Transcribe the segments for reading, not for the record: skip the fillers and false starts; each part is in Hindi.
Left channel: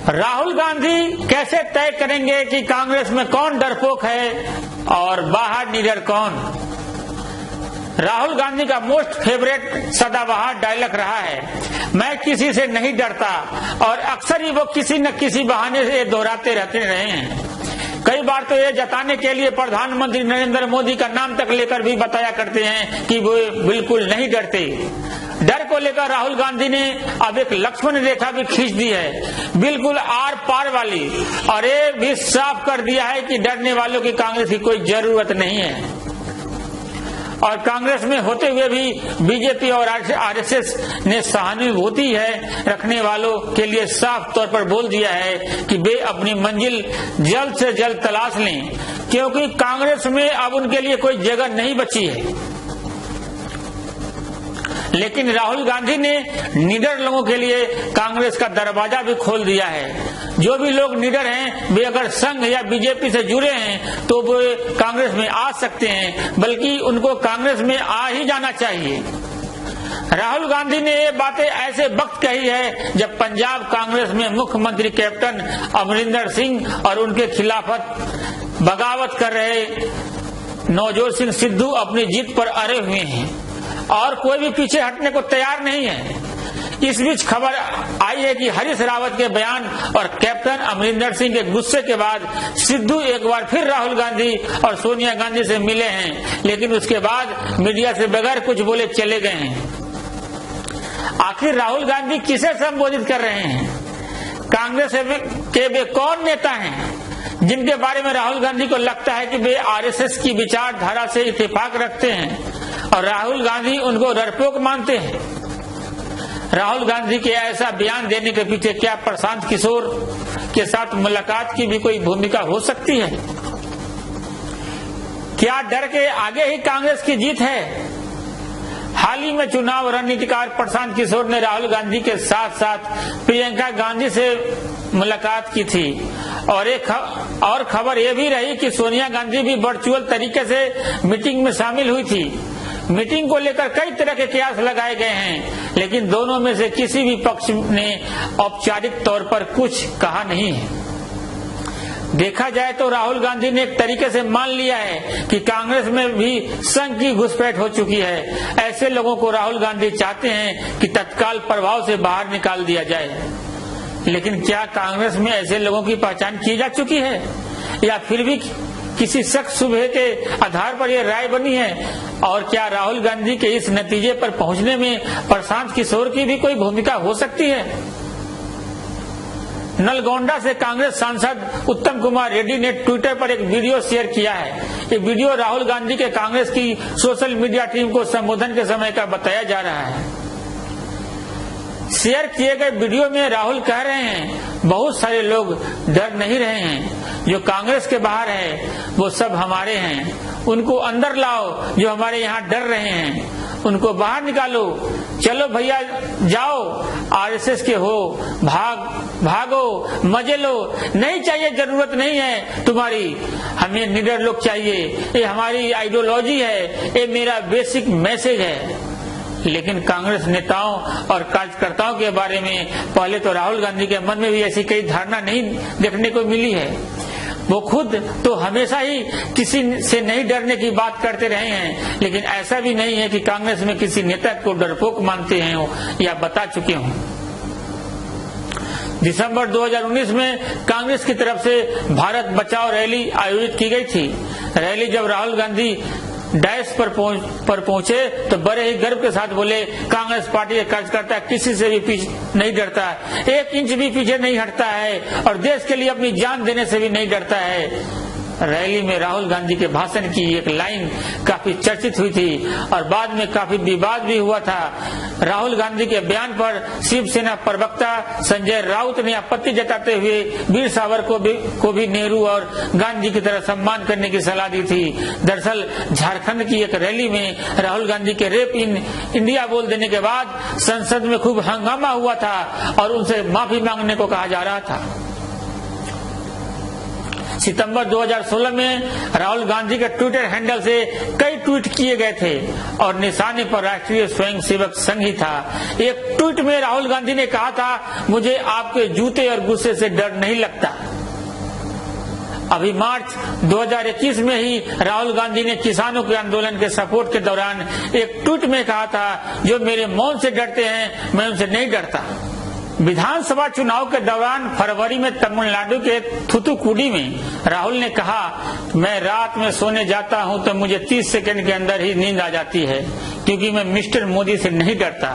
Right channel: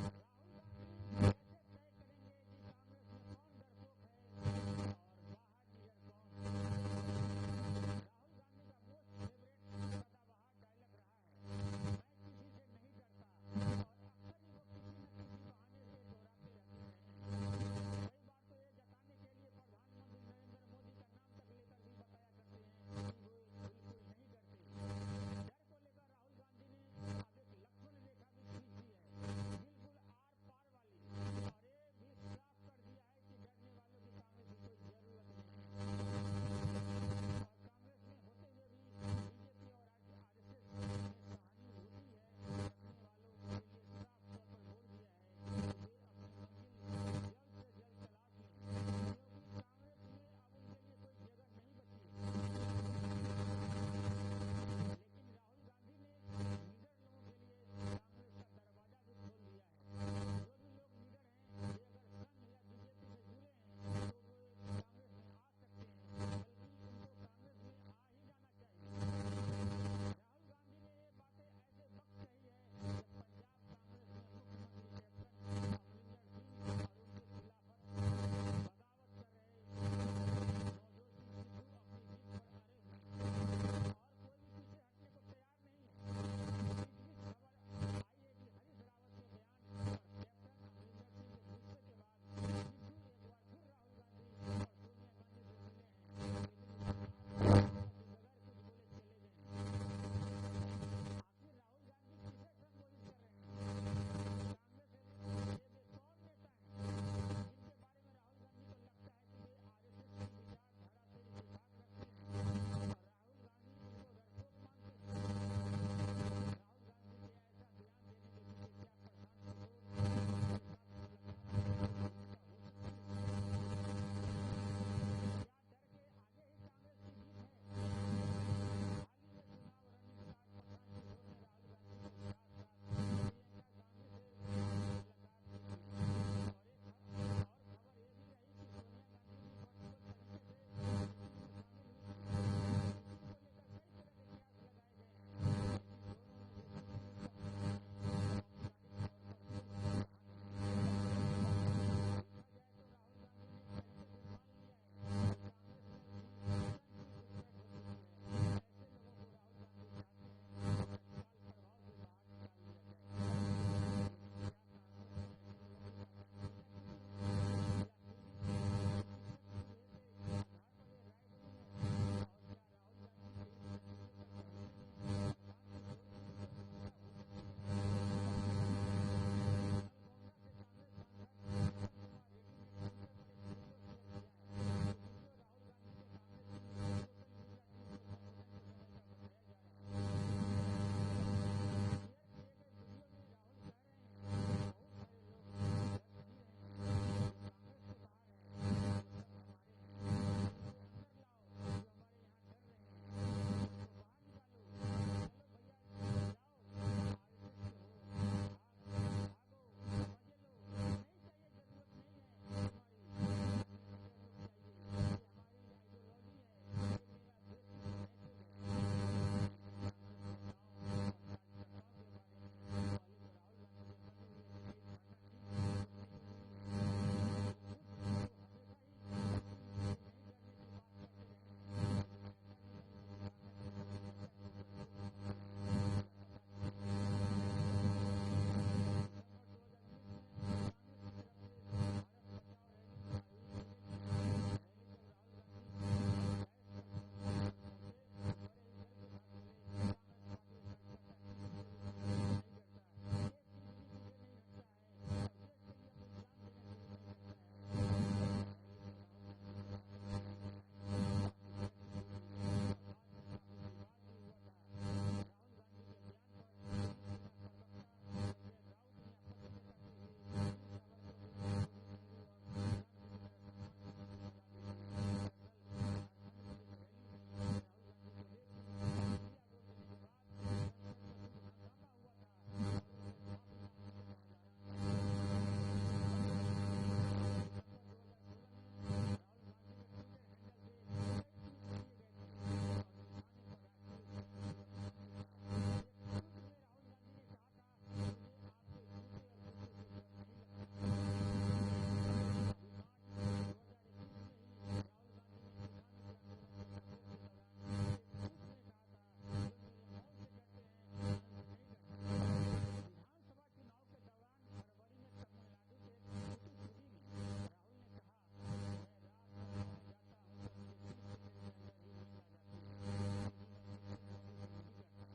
राहुल गांधी कैसे तय करेंगे कि कांग्रेस में कौन डरपोक है और बाहर निडर कौन? राहुल गांधी का मोस्ट फेवरेट सदाबहार डायलॉग रहा है, मैं किसी से नहीं डरता, और अक्सर ही वो किसी न किसी बहाने से दोहराते रहते रहे हैं। कई बार तो ये जताने के लिए प्रधानमंत्री नरेंद्र मोदी का नाम तक लेकर भी बताया करते हैं कि वो बिल्कुल नहीं डरते। डर को लेकर राहुल गांधी ने अब एक लक्ष्मण रेखा भी खींच दी है, बिल्कुल आर पार वाली, और ये भी साफ कर दिया है कि डरने वालों की कांग्रेस की कोई जरूरत नहीं है। और कांग्रेस में होते हुए भी बीजेपी और आरएसएस ने सहानुभूति है रखने वालों के लिए साफ तौर पर बोल दिया है कि वे अपनी मंजिल जल्द से जल्द तलाश लें, क्योंकि कांग्रेस में अब उनके लिए कोई जगह नहीं बची है। लेकिन राहुल गांधी ने निडर लोगों के लिए कांग्रेस का दरवाजा भी खोल दिया है। जो भी लोग निडर हैं, वे अगर संघ या बीजेपी से जुड़े हैं तो वे कांग्रेस में आ सकते हैं, बल्कि उनको कांग्रेस में आ ही जाना चाहिए। राहुल गांधी ने ये बातें ऐसे वक्त कही है जब पंजाब कांग्रेस में मुख्यमंत्री कैप्टन अमरिंदर सिंह और उनके खिलाफत बगावत कर रहे नवजोत सिंह सिद्धू अपनी जीत पर अड़े हुए हैं और कोई भी पीछे हटने को तैयार नहीं है। इस बीच खबर आई है कि हरीश रावत के बयान और कैप्टन अमरिंदर सिंह के गुस्से के बाद सिद्धू एक बार फिर राहुल गांधी और सोनिया गांधी से मिले हैं, लेकिन उसके बाद मीडिया से बगैर कुछ बोले चले गए हैं। आखिर राहुल गांधी किसे संबोधित कर रहे हैं? कांग्रेस के वे कौन नेता हैं जिनके बारे में राहुल गांधी को लगता है कि वे आरएसएस की विचारधारा से इत्तेफाक रखते हैं और राहुल गांधी उनको डरपोक मानते हैं? राहुल गांधी के ऐसा बयान देने के पीछे क्या प्रशांत किशोर के साथ मुलाकात की भी कोई भूमिका हो सकती है? क्या डर के आगे ही कांग्रेस की जीत है? हाल ही में चुनाव रणनीतिकार प्रशांत किशोर ने राहुल गांधी के साथ साथ प्रियंका गांधी से मुलाकात की थी और खबर यह भी रही कि सोनिया गांधी भी वर्चुअल तरीके से मीटिंग में शामिल हुई थी। मीटिंग को लेकर कई तरह के कयास लगाए गए हैं, लेकिन दोनों में से किसी भी पक्ष ने औपचारिक तौर पर कुछ कहा नहीं है। देखा जाए तो राहुल गांधी ने एक तरीके से मान लिया है कि कांग्रेस में भी संघ की घुसपैठ हो चुकी है। ऐसे लोगों को राहुल गांधी चाहते हैं कि तत्काल प्रभाव से बाहर निकाल दिया जाए। लेकिन क्या कांग्रेस में ऐसे लोगों की पहचान की जा चुकी है या फिर भी किसी शक शुबहे के आधार पर यह राय बनी है? और क्या राहुल गांधी के इस नतीजे पर पहुंचने में प्रशांत किशोर की भी कोई भूमिका हो सकती है? नलगोंडा से कांग्रेस सांसद उत्तम कुमार रेड्डी ने ट्विटर पर एक वीडियो शेयर किया है। ये वीडियो राहुल गांधी के कांग्रेस की सोशल मीडिया टीम को संबोधन के समय का बताया जा रहा है। शेयर किए गए वीडियो में राहुल कह रहे हैं, बहुत सारे लोग डर नहीं रहे हैं, जो कांग्रेस के बाहर है वो सब हमारे हैं, उनको अंदर लाओ जो हमारे यहाँ डर रहे हैं, उनको बाहर निकालो, चलो भैया जाओ, आरएसएस के हो, भागो, मजे लो, नहीं चाहिए, जरूरत नहीं है तुम्हारी, हमें निडर लोग चाहिए, ये हमारी आइडियोलॉजी है, ये मेरा बेसिक मैसेज है। लेकिन कांग्रेस नेताओं और कार्यकर्ताओं के बारे में पहले तो राहुल गांधी के मन में भी ऐसी कई धारणा नहीं देखने को मिली है। वो खुद तो हमेशा ही किसी से नहीं डरने की बात करते रहे हैं, लेकिन ऐसा भी नहीं है कि कांग्रेस में किसी नेता को डरपोक मानते हैं या बता चुके हों। दिसंबर 2019 में कांग्रेस की तरफ से भारत बचाओ रैली आयोजित की गई थी। रैली जब राहुल गांधी डैश पर पहुंचे तो बड़े ही गर्व के साथ बोले, कांग्रेस पार्टी के कार्यकर्ता किसी से भी पीछे नहीं डरता, 1 इंच भी पीछे नहीं हटता है और देश के लिए अपनी जान देने से भी नहीं डरता है। रैली में राहुल गांधी के भाषण की एक लाइन काफी चर्चित हुई थी और बाद में काफी विवाद भी हुआ था। राहुल गांधी के बयान पर शिवसेना प्रवक्ता संजय राउत ने आपत्ति जताते हुए वीर सावरकर को भी नेहरू और गांधी की तरह सम्मान करने की सलाह दी थी। दरअसल झारखंड की एक रैली में राहुल गांधी के रेप इन इंडिया बोल देने के बाद संसद में खूब हंगामा हुआ था और उनसे माफी मांगने को कहा जा रहा था। सितंबर 2016 में राहुल गांधी के ट्विटर हैंडल से कई ट्वीट किए गए थे और निशाने पर राष्ट्रीय स्वयंसेवक संघ ही था। एक ट्वीट में राहुल गांधी ने कहा था, मुझे आपके जूते और गुस्से से डर नहीं लगता। अभी मार्च 2021 में ही राहुल गांधी ने किसानों के आंदोलन के सपोर्ट के दौरान एक ट्वीट में कहा था, जो मेरे मौन से डरते हैं मैं उनसे नहीं डरता। विधानसभा चुनाव के दौरान फरवरी में तमिलनाडु के थूथुकुडी में राहुल ने कहा, मैं रात में सोने जाता हूं तो मुझे 30 सेकंड के अंदर ही नींद आ जाती है, क्योंकि मैं मिस्टर मोदी से नहीं डरता।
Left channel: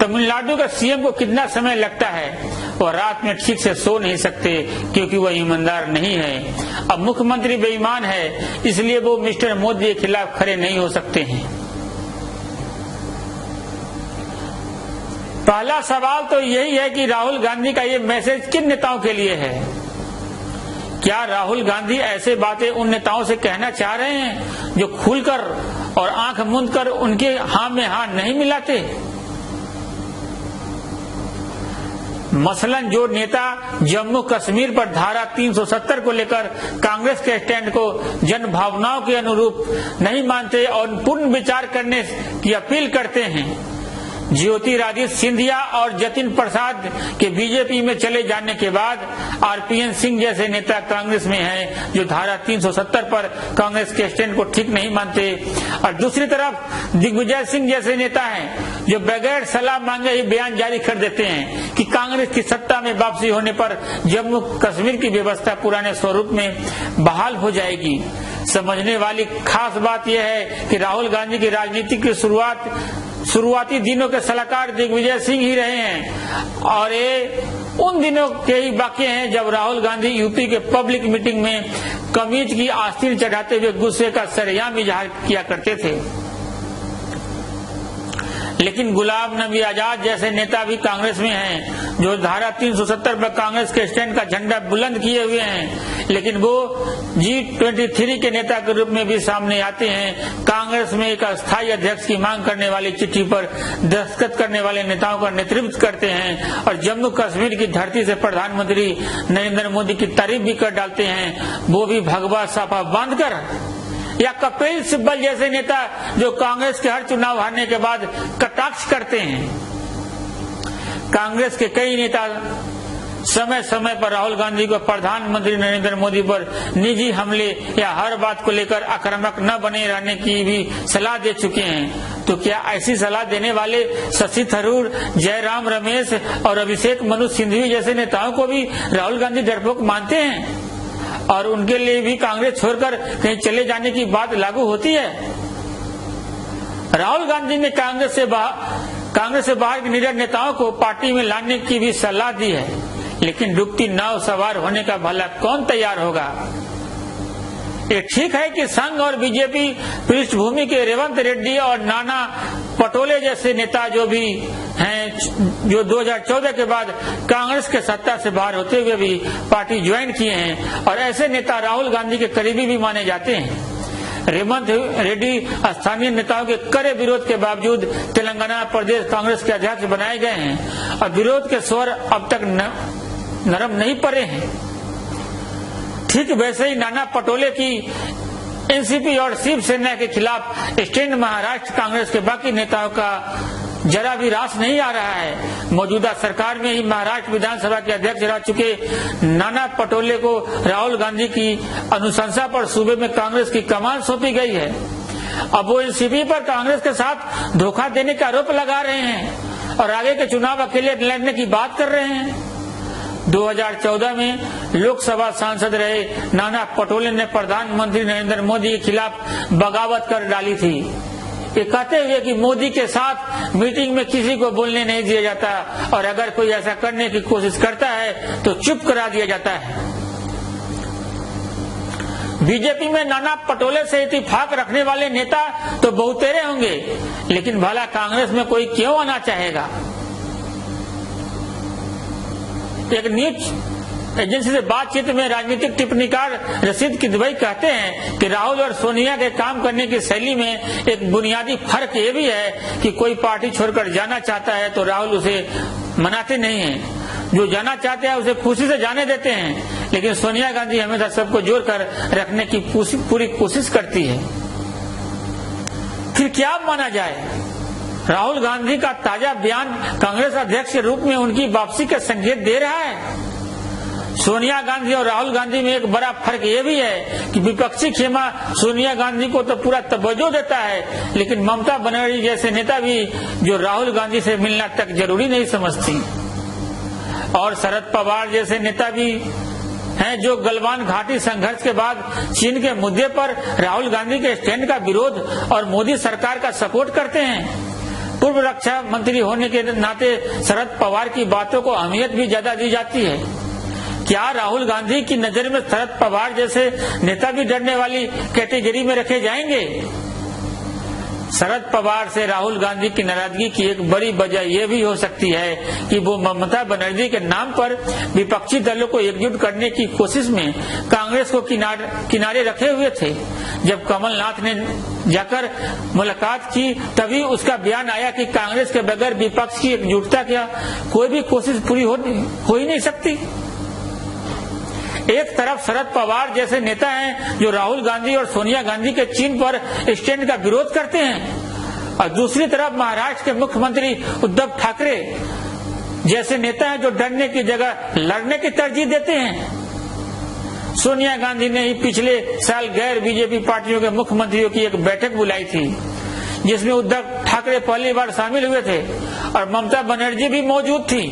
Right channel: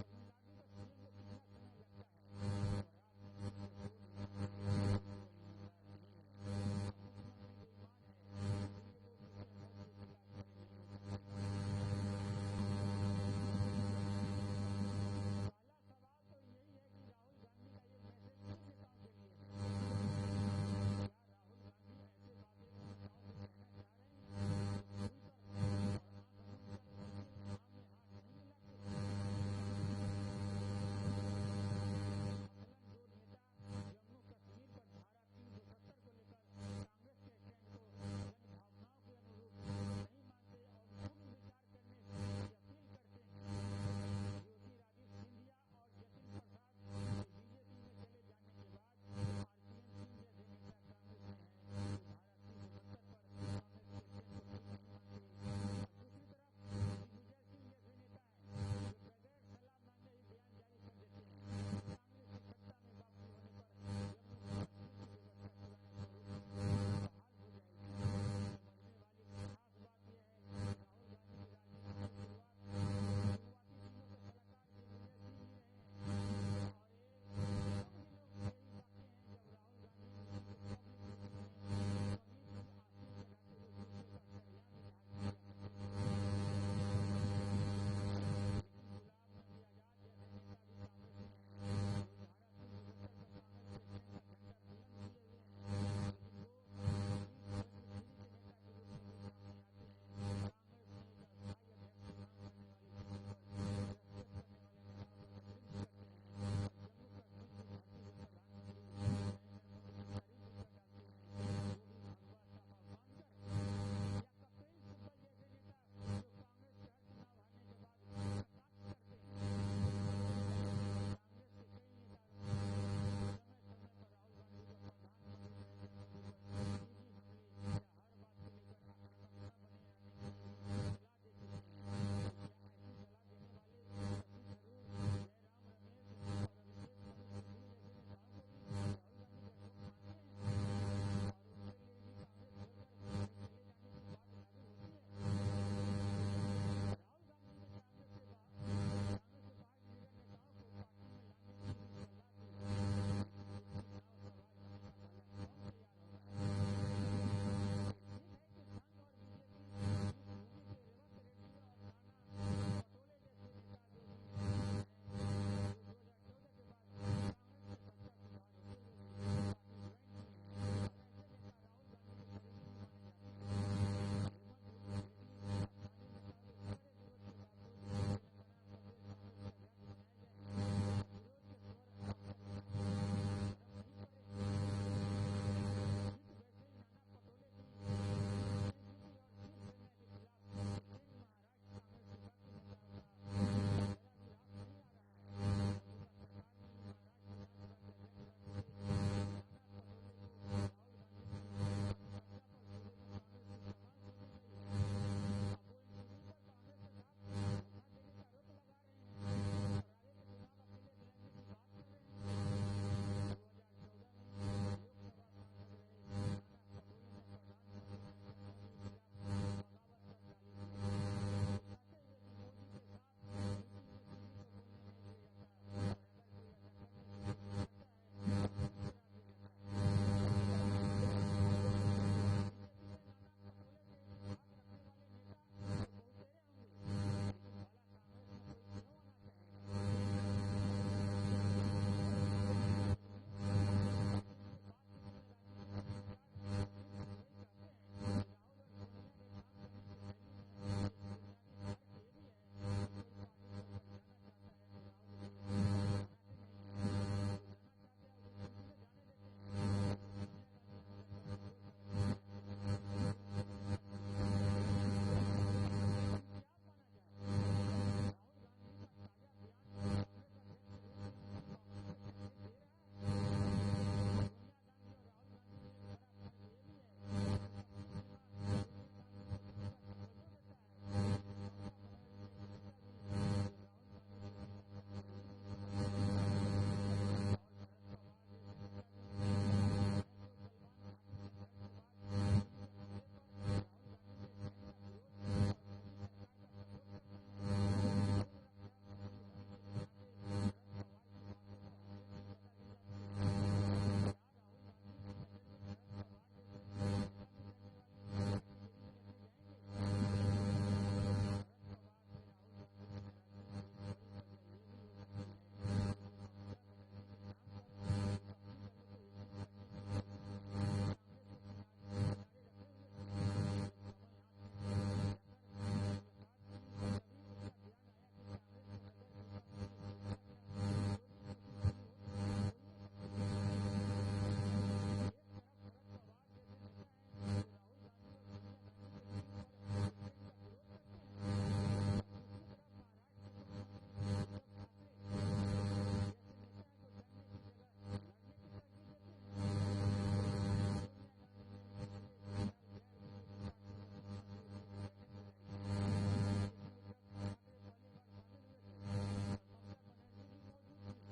तमिलनाडु का सीएम को कितना समय लगता है, और रात में ठीक से सो नहीं सकते क्योंकि वह ईमानदार नहीं है। अब मुख्यमंत्री बेईमान है, इसलिए वो मिस्टर मोदी के खिलाफ खड़े नहीं हो सकते हैं। पहला सवाल तो यही है कि राहुल गांधी का ये मैसेज किन नेताओं के लिए है? क्या राहुल गांधी ऐसे बातें उन नेताओं से कहना चाह रहे हैं जो खुलकर और आंख मूंद कर उनके हाथ में हाथ नहीं मिलाते? मसलन जो नेता जम्मू कश्मीर पर धारा 370 को लेकर कांग्रेस के स्टैंड को जन भावनाओं के अनुरूप नहीं मानते और पूर्ण विचार करने की अपील करते हैं, ज्योतिरादित्य सिंधिया और जतिन प्रसाद के बीजेपी में चले जाने के बाद आरपीएन सिंह जैसे नेता कांग्रेस में हैं, जो धारा 370 पर कांग्रेस के स्टैंड को ठीक नहीं मानते, और दूसरी तरफ दिग्विजय सिंह जैसे नेता हैं जो बगैर सलाह मांगे ही बयान जारी कर देते हैं कि कांग्रेस की सत्ता में वापसी होने पर जम्मू कश्मीर की व्यवस्था पुराने स्वरूप में बहाल हो जाएगी। समझने वाली खास बात यह है कि राहुल गांधी की राजनीति की शुरुआती दिनों के सलाहकार दिग्विजय सिंह ही रहे हैं, और ये उन दिनों के ही वाकये हैं जब राहुल गांधी यूपी के पब्लिक मीटिंग में कमीज की आस्तीन चढ़ाते हुए गुस्से का सरेआम इजहार किया करते थे। लेकिन गुलाम नबी आजाद जैसे नेता भी कांग्रेस में हैं, जो धारा 370 पर कांग्रेस के स्टैंड का झंडा बुलंद किए हुए हैं, लेकिन वो G23 के नेता के रूप में भी सामने आते हैं। कांग्रेस में एक अस्थायी अध्यक्ष की मांग करने वाली चिट्ठी पर दस्तखत करने वाले नेताओं का नेतृत्व करते हैं और जम्मू कश्मीर की धरती से प्रधानमंत्री नरेंद्र मोदी की तारीफ भी कर डालते हैं, वो भी भगवा साफा बांधकर, या कपिल सिब्बल जैसे नेता जो कांग्रेस के हर चुनाव हारने के बाद कटाक्ष करते हैं। कांग्रेस के कई नेता समय समय पर राहुल गांधी को प्रधानमंत्री नरेंद्र मोदी पर निजी हमले या हर बात को लेकर आक्रामक न बने रहने की भी सलाह दे चुके हैं। तो क्या ऐसी सलाह देने वाले शशि थरूर, जयराम रमेश और अभिषेक मनु सिंघवी जैसे नेताओं को भी राहुल गांधी डरपोक मानते हैं और उनके लिए भी कांग्रेस छोड़कर कहीं चले जाने की बात लागू होती है? राहुल गांधी ने कांग्रेस से बाहर के निडर नेताओं को पार्टी में लाने की भी सलाह दी है, लेकिन डूबती नाव सवार होने का भला कौन तैयार होगा? ये ठीक है कि संघ और बीजेपी पृष्ठभूमि के रेवंत रेड्डी और नाना पटोले जैसे नेता जो भी हैं, जो 2014 के बाद कांग्रेस के सत्ता से बाहर होते हुए भी पार्टी ज्वाइन किए हैं, और ऐसे नेता राहुल गांधी के करीबी भी माने जाते हैं। रेवंत रेड्डी स्थानीय नेताओं के कड़े विरोध के बावजूद तेलंगाना प्रदेश कांग्रेस के अध्यक्ष बनाए गए हैं और विरोध के स्वर अब तक नरम नहीं पड़े हैं। ठीक वैसे ही नाना पटोले की एनसीपी और शिवसेना के खिलाफ स्टैंड महाराष्ट्र कांग्रेस के बाकी नेताओं का जरा भी रास नहीं आ रहा है। मौजूदा सरकार में ही महाराष्ट्र विधानसभा के अध्यक्ष रह चुके नाना पटोले को राहुल गांधी की अनुशंसा पर सूबे में कांग्रेस की कमान सौंपी गई है। अब वो एनसीपी पर कांग्रेस के साथ धोखा देने का आरोप लगा रहे हैं और आगे के चुनाव अकेले लड़ने की बात कर रहे हैं। 2014 में लोकसभा सांसद रहे नाना पटोले ने प्रधानमंत्री नरेंद्र मोदी के खिलाफ बगावत कर डाली थी, ये कहते हुए कि मोदी के साथ मीटिंग में किसी को बोलने नहीं दिया जाता और अगर कोई ऐसा करने की कोशिश करता है तो चुप करा दिया जाता है। बीजेपी में नाना पटोले से इत्तेफाक रखने वाले नेता तो बहुतेरे होंगे, लेकिन भला कांग्रेस में कोई क्यों आना चाहेगा? एक न्यूज एजेंसी से बातचीत में राजनीतिक टिप्पणीकार रशीद किदवई कहते हैं कि राहुल और सोनिया के काम करने की शैली में एक बुनियादी फर्क ये भी है कि कोई पार्टी छोड़कर जाना चाहता है तो राहुल उसे मनाते नहीं हैं, जो जाना चाहते हैं उसे खुशी से जाने देते हैं, लेकिन सोनिया गांधी हमेशा सबको जोड़कर रखने की पूरी कोशिश करती है। फिर क्या माना जाए? राहुल गांधी का ताजा बयान कांग्रेस अध्यक्ष के रूप में उनकी वापसी के संकेत दे रहा है। सोनिया गांधी और राहुल गांधी में एक बड़ा फर्क ये भी है कि विपक्षी खेमा सोनिया गांधी को तो पूरा तवज्जो देता है, लेकिन ममता बनर्जी जैसे नेता भी जो राहुल गांधी से मिलना तक जरूरी नहीं समझती, और शरद पवार जैसे नेता भी हैं जो गलवान घाटी संघर्ष के बाद चीन के मुद्दे पर राहुल गांधी के स्टैंड का विरोध और मोदी सरकार का सपोर्ट करते हैं। पूर्व रक्षा मंत्री होने के नाते शरद पवार की बातों को अहमियत भी ज्यादा दी जाती है। क्या राहुल गांधी की नजर में शरद पवार जैसे नेता भी डरने वाली कैटेगरी में रखे जाएंगे? शरद पवार से राहुल गांधी की नाराजगी की एक बड़ी वजह यह भी हो सकती है कि वो ममता बनर्जी के नाम पर विपक्षी दलों को एकजुट करने की कोशिश में कांग्रेस को किनारे रखे हुए थे। जब कमलनाथ ने जाकर मुलाकात की तभी उसका बयान आया कि कांग्रेस के बगैर विपक्ष की एकजुटता क्या कोई भी कोशिश पूरी हो ही नहीं सकती। एक तरफ शरद पवार जैसे नेता हैं जो राहुल गांधी और सोनिया गांधी के चीन पर स्टैंड का विरोध करते हैं, और दूसरी तरफ महाराष्ट्र के मुख्यमंत्री उद्धव ठाकरे जैसे नेता हैं जो डरने की जगह लड़ने की तरजीह देते हैं। सोनिया गांधी ने ही पिछले साल गैर बीजेपी पार्टियों के मुख्यमंत्रियों की एक बैठक बुलाई थी जिसमें उद्धव ठाकरे पहली बार शामिल हुए थे और ममता बनर्जी भी मौजूद थी।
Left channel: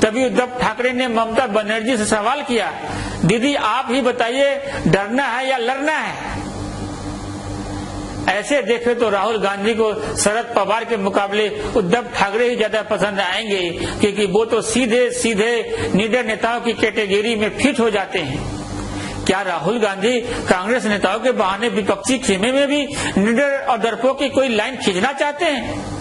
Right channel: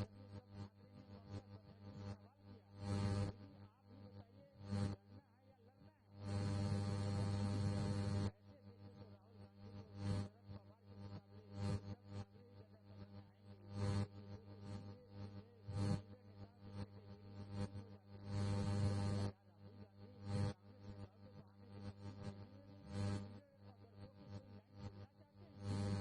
तभी उद्धव ठाकरे ने ममता बनर्जी से सवाल किया, दीदी आप ही बताइए डरना है या लड़ना है? ऐसे देखे तो राहुल गांधी को शरद पवार के मुकाबले उद्धव ठाकरे ही ज्यादा पसंद आएंगे, क्योंकि वो तो सीधे सीधे निडर नेताओं की कैटेगरी में फिट हो जाते हैं। क्या राहुल गांधी कांग्रेस नेताओं के बहाने विपक्षी खेमे में भी निडर और डरपोक की कोई लाइन खींचना चाहते हैं?